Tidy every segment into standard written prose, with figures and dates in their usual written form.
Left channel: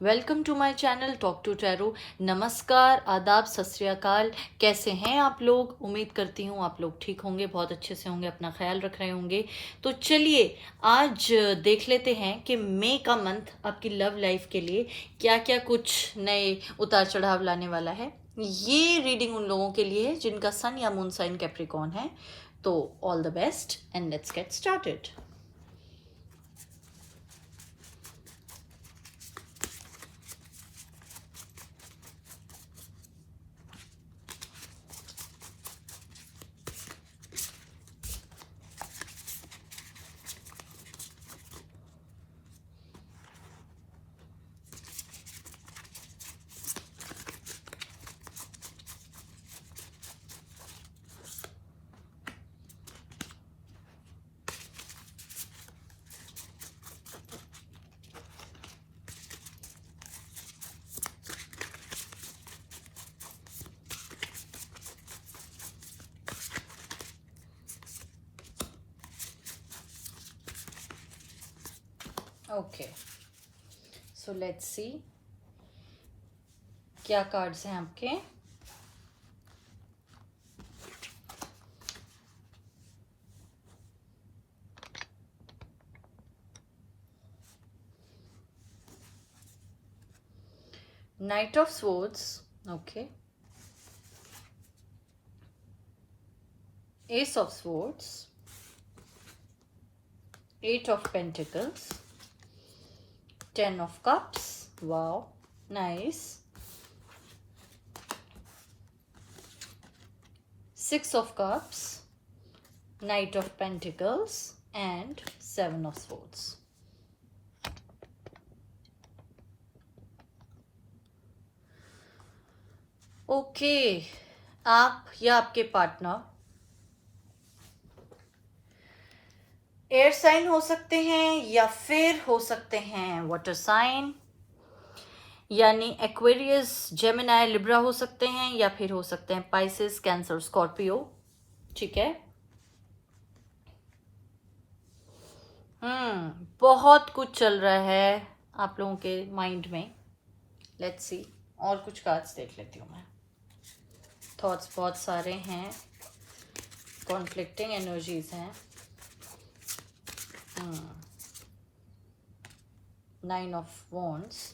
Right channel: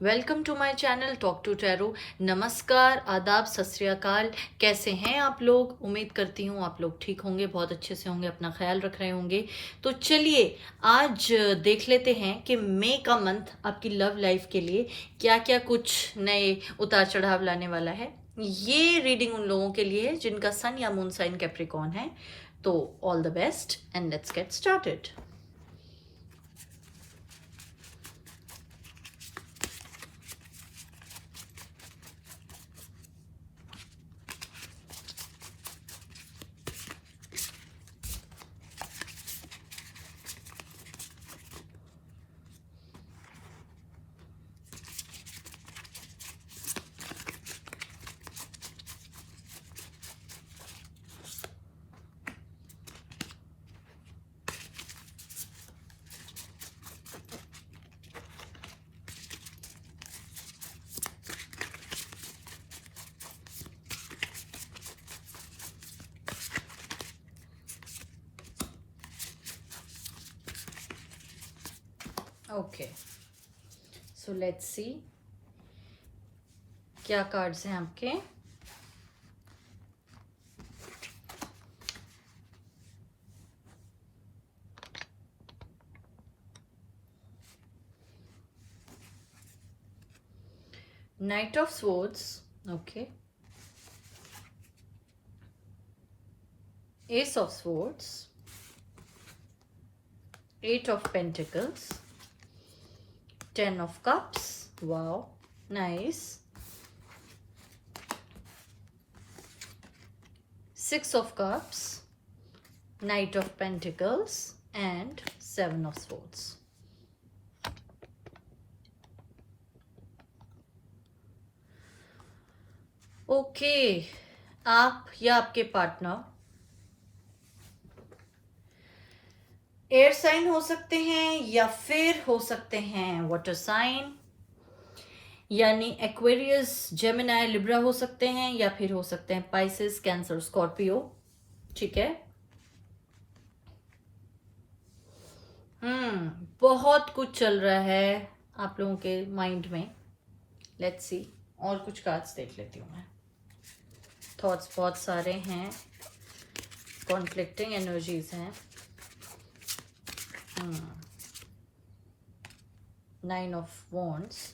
Welcome to my channel talk to tarot. नमस्कार, आदाब, सत श्री अकाल। कैसे हैं आप लोग? उम्मीद करती हूँ आप लोग ठीक होंगे, बहुत अच्छे से होंगे, अपना ख्याल रख रहे होंगे। तो चलिए आज देख लेते हैं कि मई का मंथ आपकी लव लाइफ के लिए क्या क्या कुछ नए उतार चढ़ाव लाने वाला है। ये रीडिंग उन लोगों के लिए है जिनका सन या मून साइन कैप्रिकॉर्न है। तो all the best and let's get started. Okay, so let's see क्या कार्ड्स हैं आपके। Knight of Swords, okay. Ace of Swords, Eight of Pentacles, Ten of Cups, wow, nice. Six of Cups, Knight of Pentacles, and Seven of Swords. Okay, आप या आपके partner air sign हो सकते हैं या फिर हो सकते हैं वाटर साइन, यानी एक्वेरियस, जेमिनाई, लिब्रा हो सकते हैं, या फिर हो सकते हैं पाइसेस, कैंसर, स्कॉर्पियो। ठीक है। बहुत कुछ चल रहा है आप लोगों के माइंड में। लेट्स सी, और कुछ कार्ड्स देख लेती हूँ मैं। थॉट्स बहुत सारे हैं, कॉन्फ्लिक्टिंग एनर्जीज हैं। Nine of wands,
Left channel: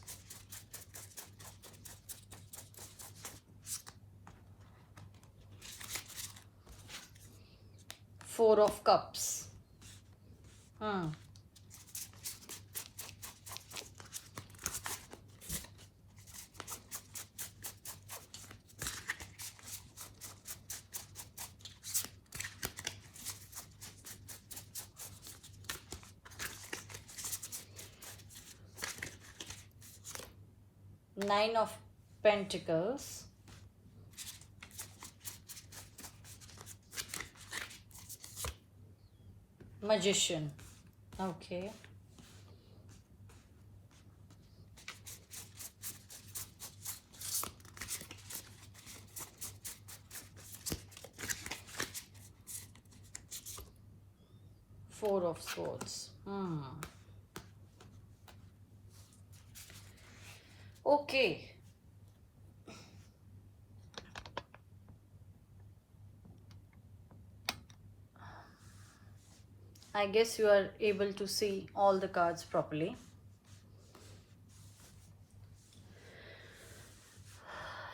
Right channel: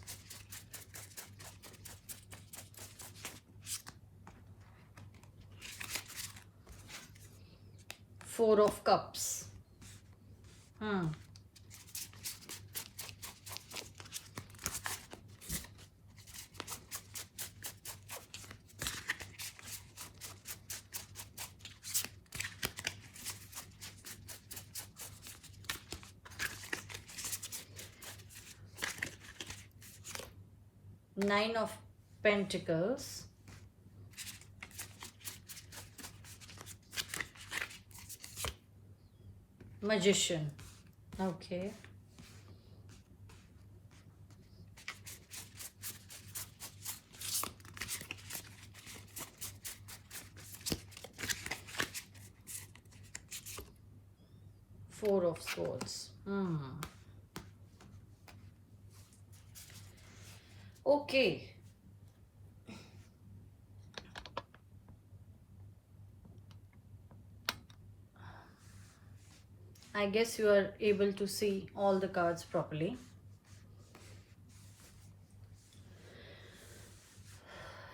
four of cups, Nine of Pentacles, Magician, okay. Four of Swords, okay. I guess you are able to see all the cards properly.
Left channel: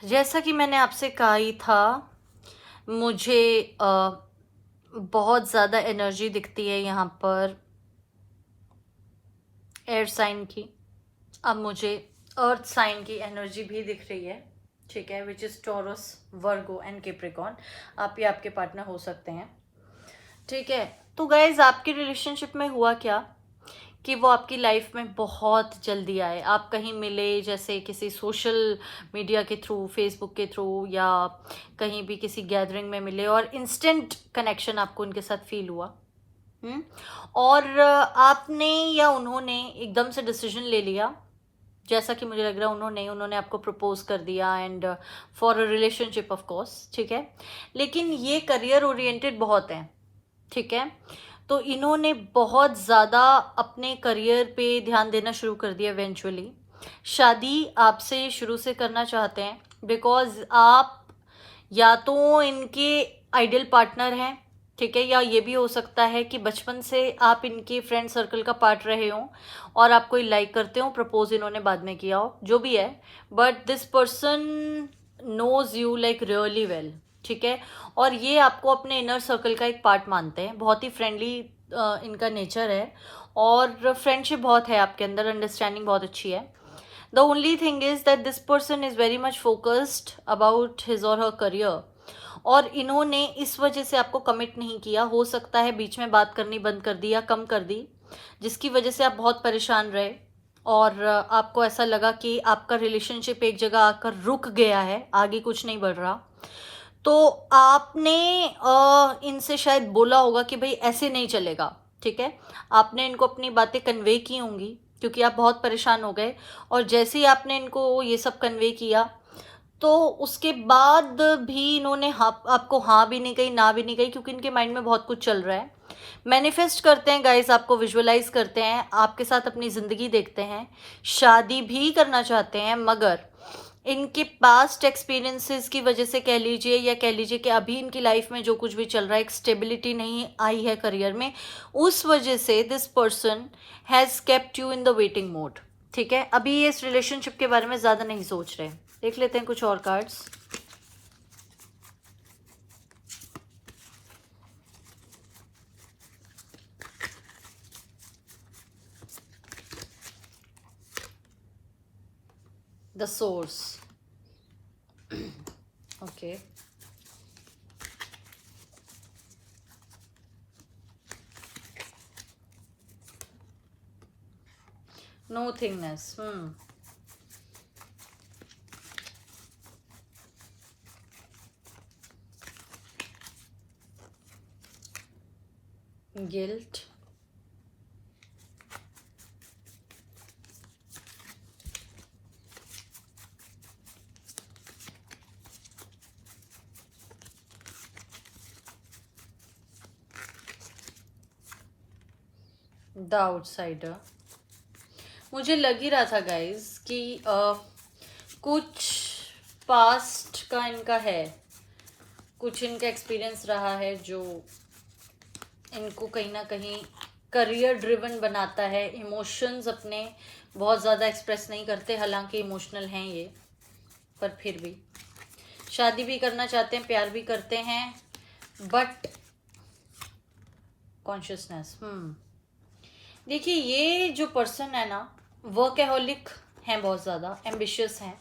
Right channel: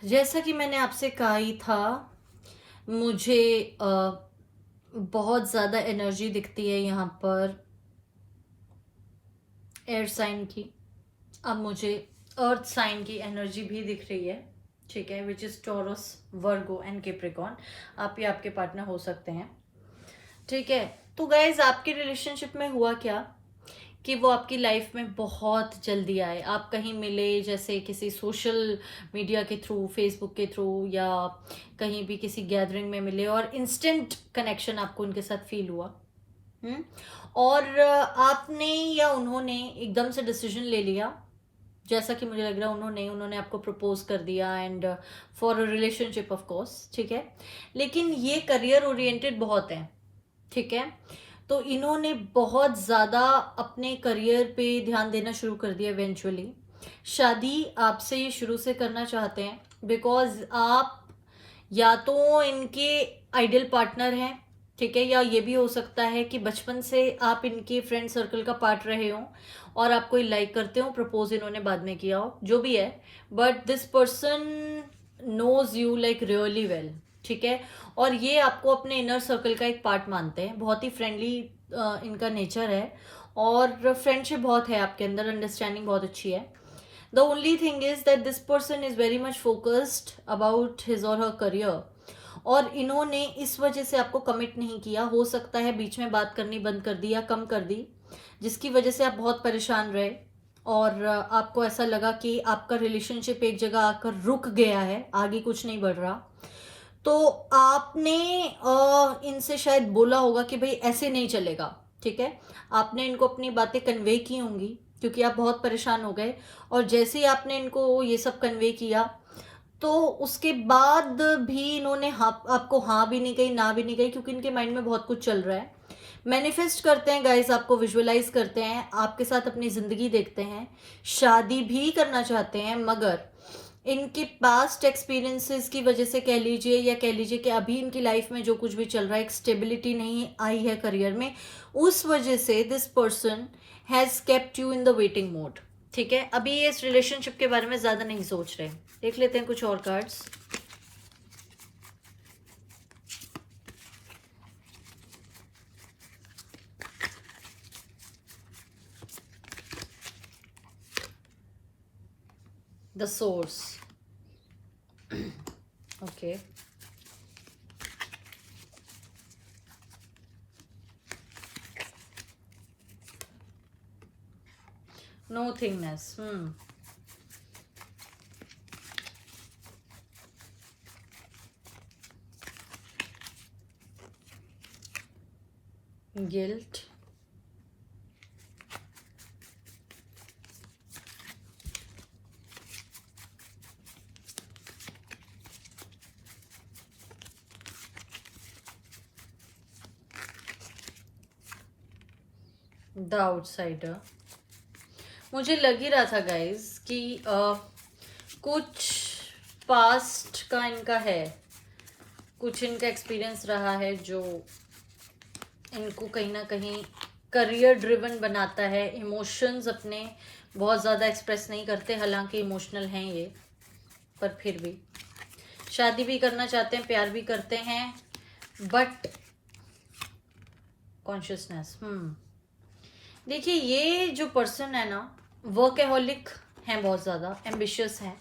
जैसा कि मैंने आपसे कहा ही था, मुझे बहुत ज़्यादा एनर्जी दिखती है यहाँ पर एयर साइन की। अब मुझे अर्थ साइन की एनर्जी भी दिख रही है, ठीक है, which is taurus, Virgo and Capricorn. आप ही आपके पार्टनर हो सकते हैं, ठीक है। तो गाइज, आपके रिलेशनशिप में हुआ क्या कि वो आपकी लाइफ में बहुत जल्दी आए। आप कहीं मिले, जैसे किसी सोशल मीडिया के थ्रू, फेसबुक के थ्रू, या कहीं भी किसी गैदरिंग में मिले, और इंस्टेंट कनेक्शन आपको उनके साथ फील हुआ। और आपने या उन्होंने एकदम से डिसीजन ले लिया, जैसा कि मुझे लग रहा है उन्होंने आपको प्रपोज कर दिया, and for a relationship of course, ठीक है। लेकिन ये करियर ओरिएंटेड बहुत है, ठीक है। तो इन्होंने बहुत ज़्यादा अपने करियर पे ध्यान देना शुरू कर दिया इवेंचुअली, शादी आपसे ये शुरू से करना चाहते हैं बिकॉज आप या तो इनके आइडियल पार्टनर हैं, ठीक है, या ये भी हो सकता है कि बचपन से आप इनके फ्रेंड सर्कल का पार्ट रहे हों और आपको लाइक करते हो, प्रपोज इन्होंने बाद में किया हो, जो भी है, but this person knows you like really well, ठीक है, और ये आपको अपने इनर सर्कल का एक पार्ट मानते हैं, बहुत ही फ्रेंडली इनका नेचर है और फ्रेंडशिप बहुत है आपके अंदर, अंडरस्टैंडिंग बहुत अच्छी है. The only thing is that this person is very much focused about his or her career. और इन्होंने इस वजह से आपको कमिट नहीं किया, हो सकता है बीच में बात करनी बंद कर दी या कम कर दी, जिसकी वजह से आप बहुत परेशान रहे और आपको ऐसा लगा कि आपका रिलेशनशिप एक जगह आकर रुक गया है, आगे कुछ नहीं बढ़ रहा. तो आपने इनसे शायद बोला होगा कि भाई ऐसे नहीं चलेगा, ठीक है, आपने इनको अपनी बातें कन्वे की होंगी क्योंकि आप बहुत परेशान हो गए, और जैसे ही आपने इनको ये सब कन्वे किया तो उसके बाद भी इन्होंने आपको हाँ भी नहीं कही, ना भी नहीं कही, क्योंकि इनके माइंड में बहुत कुछ चल रहा है. मैनिफेस्ट करते हैं गाइस, आपको विजुअलाइज करते हैं, आपके साथ अपनी ज़िंदगी देखते हैं, शादी भी करना चाहते हैं, मगर इनके पास्ट एक्सपीरियंसेस की वजह से कह लीजिए, या कह लीजिए कि अभी इनकी लाइफ में जो कुछ भी चल रहा है, एक स्टेबिलिटी नहीं आई है करियर में, उस वजह से this person has kept you in the waiting mode, ठीक है. अभी ये इस रिलेशनशिप के बारे में ज़्यादा नहीं सोच रहे. देख लेते हैं कुछ और cards. The source. Okay. Nothingness. Guilt. The outsider. मुझे लग ही रहा था गाइज कि कुछ पास्ट का इनका है, कुछ इनका एक्सपीरियंस रहा है जो इनको कहीं ना कहीं करियर ड्रिवन बनाता है. इमोशंस अपने बहुत ज़्यादा एक्सप्रेस नहीं करते, हालांकि इमोशनल हैं ये, पर फिर भी शादी भी करना चाहते हैं, प्यार भी करते हैं, बट कॉन्शियसनेस. देखिए, ये जो पर्सन है ना, वर्कहोलिक हैं, बहुत ज़्यादा एम्बिशियस हैं,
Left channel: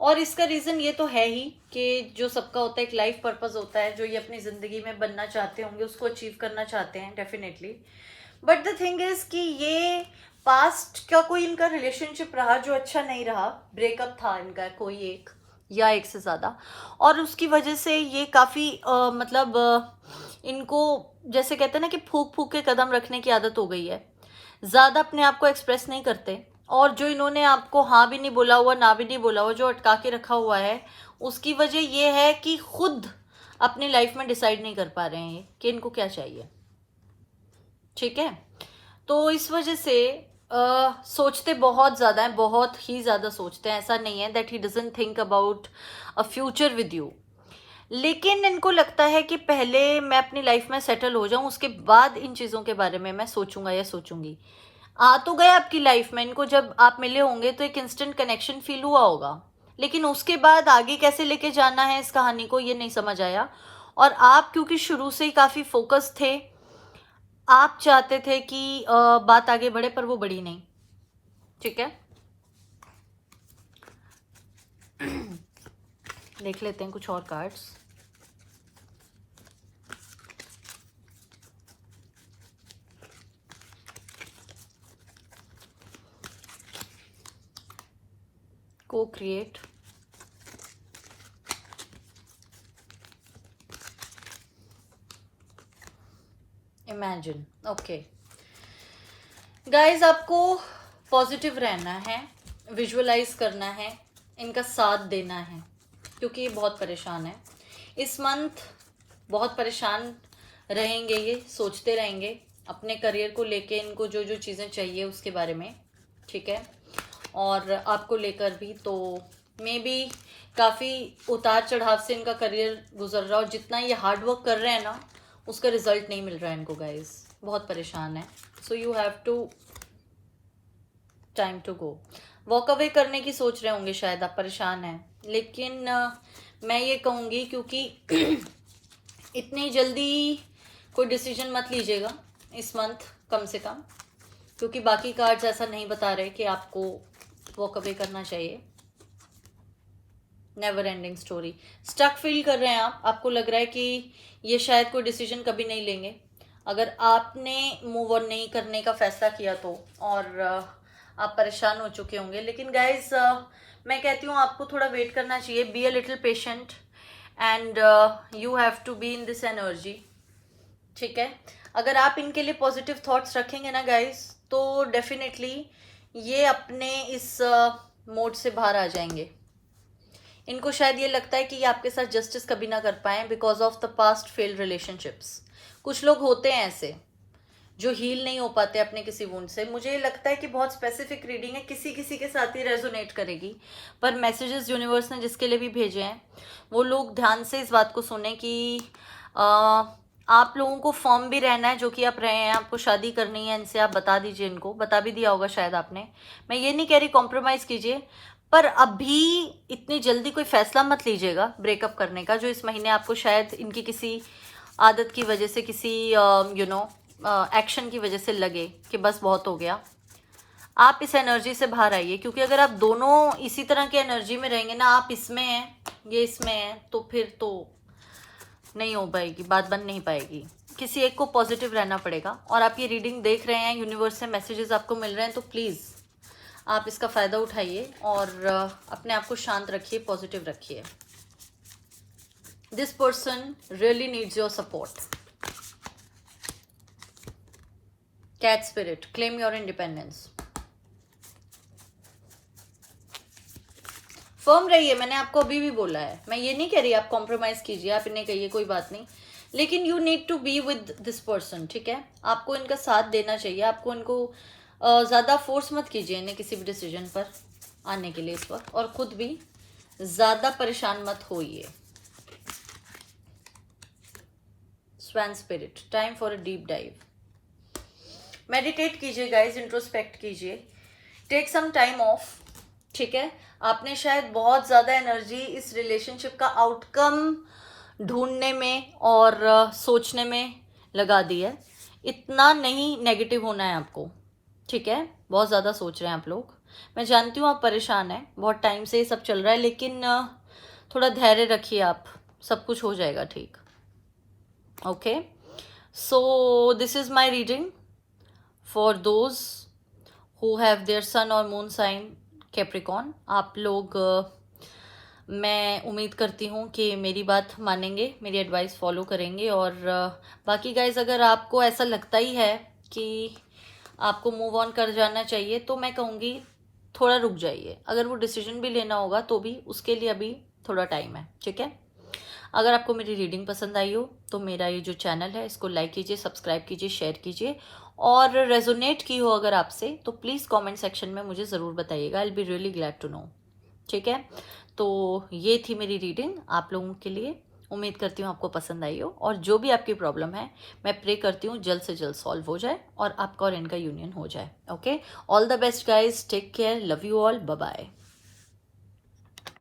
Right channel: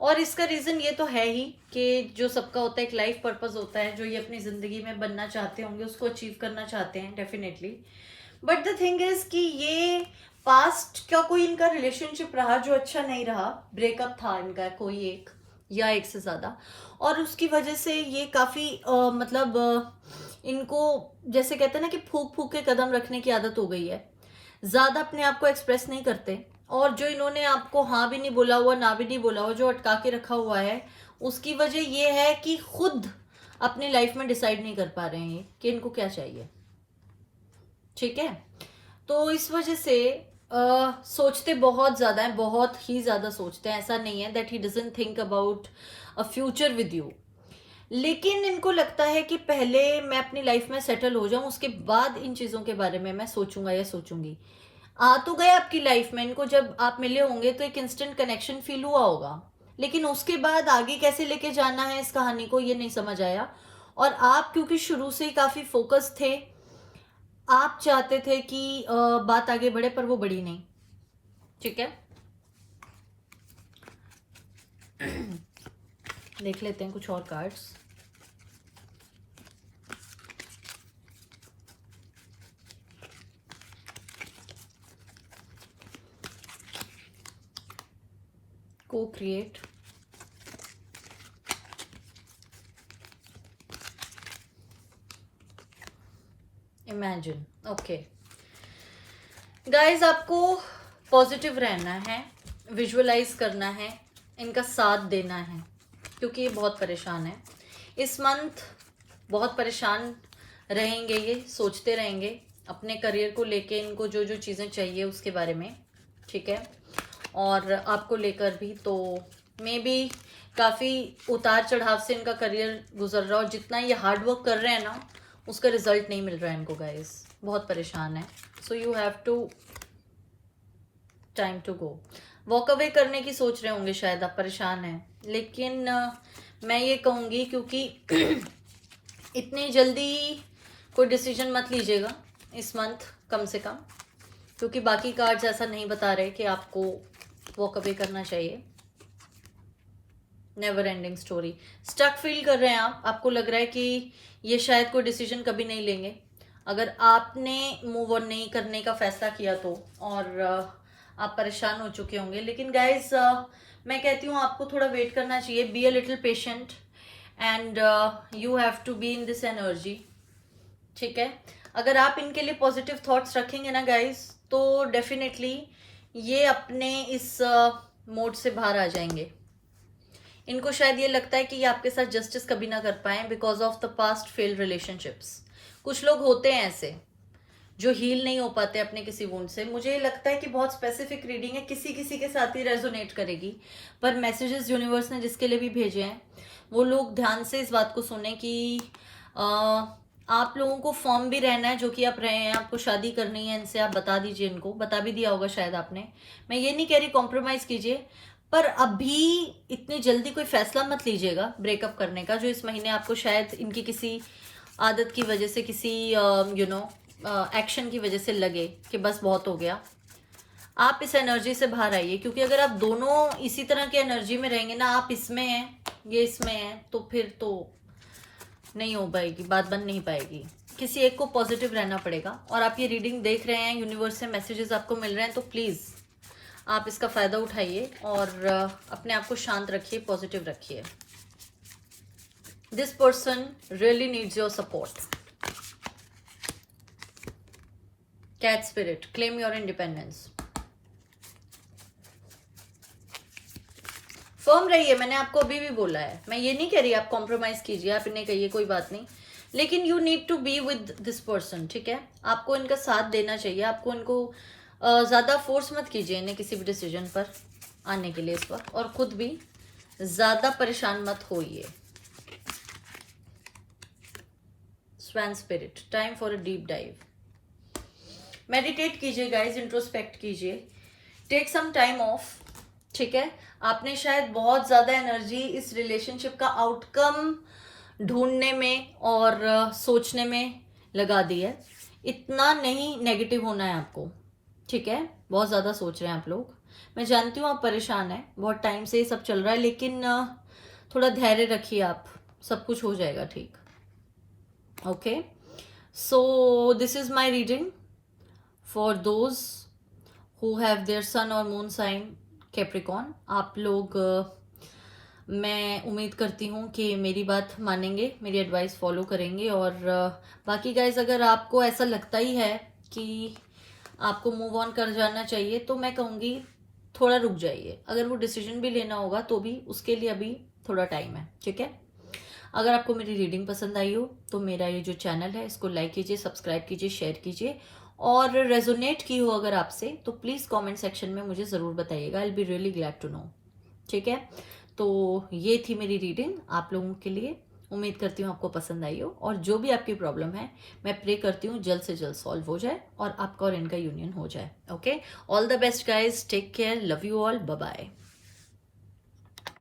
और इसका रीज़न ये तो है ही कि जो सबका होता है एक लाइफ पर्पस होता है, जो ये अपनी ज़िंदगी में बनना चाहते होंगे उसको अचीव करना चाहते हैं definitely. But the thing is कि ये पास्ट का कोई इनका रिलेशनशिप रहा जो अच्छा नहीं रहा, ब्रेकअप था इनका कोई एक या एक से ज़्यादा, और उसकी वजह से ये काफ़ी मतलब इनको जैसे कहते हैं ना कि फूक फूक के कदम रखने की आदत हो गई है, ज़्यादा अपने आप को एक्सप्रेस नहीं करते, और जो इन्होंने आपको हाँ भी नहीं बोला हुआ, ना भी नहीं बोला हुआ, जो अटका के रखा हुआ है, उसकी वजह ये है कि खुद अपनी लाइफ में डिसाइड नहीं कर पा रहे हैं ये कि इनको क्या चाहिए, ठीक है. तो इस वजह से सोचते बहुत ज़्यादा हैं, बहुत ही ज़्यादा सोचते हैं. ऐसा नहीं है that he doesn't think about a future with you, लेकिन इनको लगता है कि पहले मैं अपनी लाइफ में सेटल हो जाऊं, उसके बाद इन चीज़ों के बारे में मैं सोचूंगा या सोचूंगी. आ तो गए आपकी लाइफ में, इनको जब आप मिले होंगे तो एक इंस्टेंट कनेक्शन फील हुआ होगा, लेकिन उसके बाद आगे कैसे लेके जाना है इस कहानी को ये नहीं समझ आया. और आप क्योंकि शुरू से ही काफ़ी फोकस थे, आप चाहते थे कि बात आगे बढ़े, पर वो बढ़ी नहीं, ठीक है. देख लेते हैं कुछ और cards. Co-create. Imagine. Okay guys, आपको पॉजिटिव रहना है, विजुअलाइज करना है, इनका साथ देना है, क्योंकि ये बहुत परेशान है इस मंथ, बहुत परेशान रहेंगे, ये सोचते रहेंगे अपने करियर को लेके, इनको जो जो चीज़ें चाहिए उसके बारे में, ठीक है. और आपको लेकर भी। तो मे बी काफ़ी उतार चढ़ाव से इनका करियर गुजर रहा है, और जितना ये हार्ड वर्क कर रहे हैं ना, उसका रिजल्ट नहीं मिल रहा है इनको गाइस, बहुत परेशान है। So you have to time to go. Walk away करने की सोच रहे होंगे शायद आप, परेशान हैं, लेकिन मैं ये कहूँगी क्योंकि इतनी जल्दी कोई डिसीजन मत लीजिएगा इस मंथ कम से कम, क्योंकि बाकी कार्ड्स ऐसा नहीं बता रहे कि आपको वॉक अवे करना चाहिए। Never ending story, stuck feel कर रहे हैं आप, आपको लग रहा है कि ये शायद कोई डिसीजन कभी नहीं लेंगे। अगर आपने मूव ऑन नहीं करने का फैसला किया तो, और आप परेशान हो चुके होंगे, लेकिन गाइज मैं कहती हूँ आपको थोड़ा वेट करना चाहिए। Be a little patient and you have to be in this energy, ठीक है। अगर आप इनके लिए पॉजिटिव थॉट्स रखेंगे ना गाइज, तो डेफिनेटली ये अपने इस मोड से बाहर आ जाएंगे। इनको शायद ये लगता है कि ये आपके साथ जस्टिस कभी ना कर पाए because of the past failed relationships. कुछ लोग होते हैं ऐसे जो हील नहीं हो पाते अपने किसी वुंड से। मुझे ये लगता है कि बहुत स्पेसिफिक रीडिंग है, किसी किसी के साथ ही रेजोनेट करेगी, पर मैसेजेस यूनिवर्स ने जिसके लिए भी भेजे हैं वो लोग ध्यान से इस बात को सुने कि आप लोगों को फर्म भी रहना है, जो कि आप रहे हैं। आपको शादी करनी है इनसे, आप बता दीजिए इनको, बता भी दिया होगा शायद आपने। मैं ये नहीं कह रही कॉम्प्रोमाइज कीजिए, पर अभी इतनी जल्दी कोई फैसला मत लीजिएगा ब्रेकअप करने का, जो इस महीने आपको शायद इनकी किसी आदत की वजह से, किसी एक्शन की वजह से लगे कि बस बहुत हो गया। आप इस एनर्जी से बाहर आइए, क्योंकि अगर आप दोनों इसी तरह की एनर्जी में रहेंगे ना, आप इसमें हैं ये इसमें है, तो फिर तो नहीं हो पाएगी, बात बन नहीं पाएगी। किसी एक को पॉजिटिव रहना पड़ेगा। और आप ये रीडिंग देख रहे हैं, यूनिवर्स से मैसेजेस आपको मिल रहे हैं, तो प्लीज़ आप इसका फ़ायदा उठाइए और अपने आप को शांत रखिए, पॉजिटिव रखिए। This person really needs your support. Cat spirit, claim your independence. Firm रहिए, मैंने आपको अभी भी बोला है। मैं ये नहीं कह रही आप कॉम्प्रोमाइज कीजिए, आप इन्हें कहिए कोई बात नहीं, लेकिन you need to be with this person, ठीक है। आपको इनका साथ देना चाहिए, आपको इनको ज़्यादा फोर्स मत कीजिए इन्हें किसी भी डिसीजन पर आने के लिए इस वक्त, और खुद भी ज़्यादा परेशान मत होइए। Swan spirit, time for a deep dive. Meditate कीजिए गाइज, इंट्रोस्पेक्ट कीजिए, टेक सम टाइम ऑफ, ठीक है। आपने शायद बहुत ज़्यादा एनर्जी इस रिलेशनशिप का आउटकम ढूंढने में और सोचने में लगा दी है। इतना नहीं नेगेटिव होना है आपको, ठीक है। बहुत ज़्यादा सोच रहे हैं आप लोग, मैं जानती हूँ आप परेशान हैं, बहुत टाइम से ये सब चल रहा है, लेकिन थोड़ा धैर्य रखिए आप, सब कुछ हो जाएगा ठीक। Okay, so this is my reading for those who have their sun और मून साइन कैप्रिकॉन। आप लोग मैं उम्मीद करती हूँ कि मेरी बात मानेंगे, मेरी एडवाइस फॉलो करेंगे। और बाकी गाइज, अगर आपको ऐसा लगता ही है कि आपको मूव ऑन कर जाना चाहिए, तो मैं कहूँगी थोड़ा रुक जाइए। अगर वो डिसीजन भी लेना होगा तो भी उसके लिए अभी थोड़ा टाइम है, ठीक है। अगर आपको मेरी रीडिंग पसंद आई हो तो मेरा ये जो चैनल है इसको लाइक कीजिए, सब्सक्राइब कीजिए, शेयर कीजिए, और रेजोनेट की हो अगर आपसे तो प्लीज़ कमेंट सेक्शन में मुझे ज़रूर बताइएगा। I will be really glad to know, ठीक है। तो ये थी मेरी रीडिंग आप लोगों के लिए, उम्मीद करती हूँ आपको पसंद आई हो। और जो भी आपकी प्रॉब्लम है, मैं प्रे करती हूँ जल्द से जल्द सॉल्व हो जाए और आपका और इनका यूनियन हो जाए। Okay, all the best guys, take care, love you all, bye bye.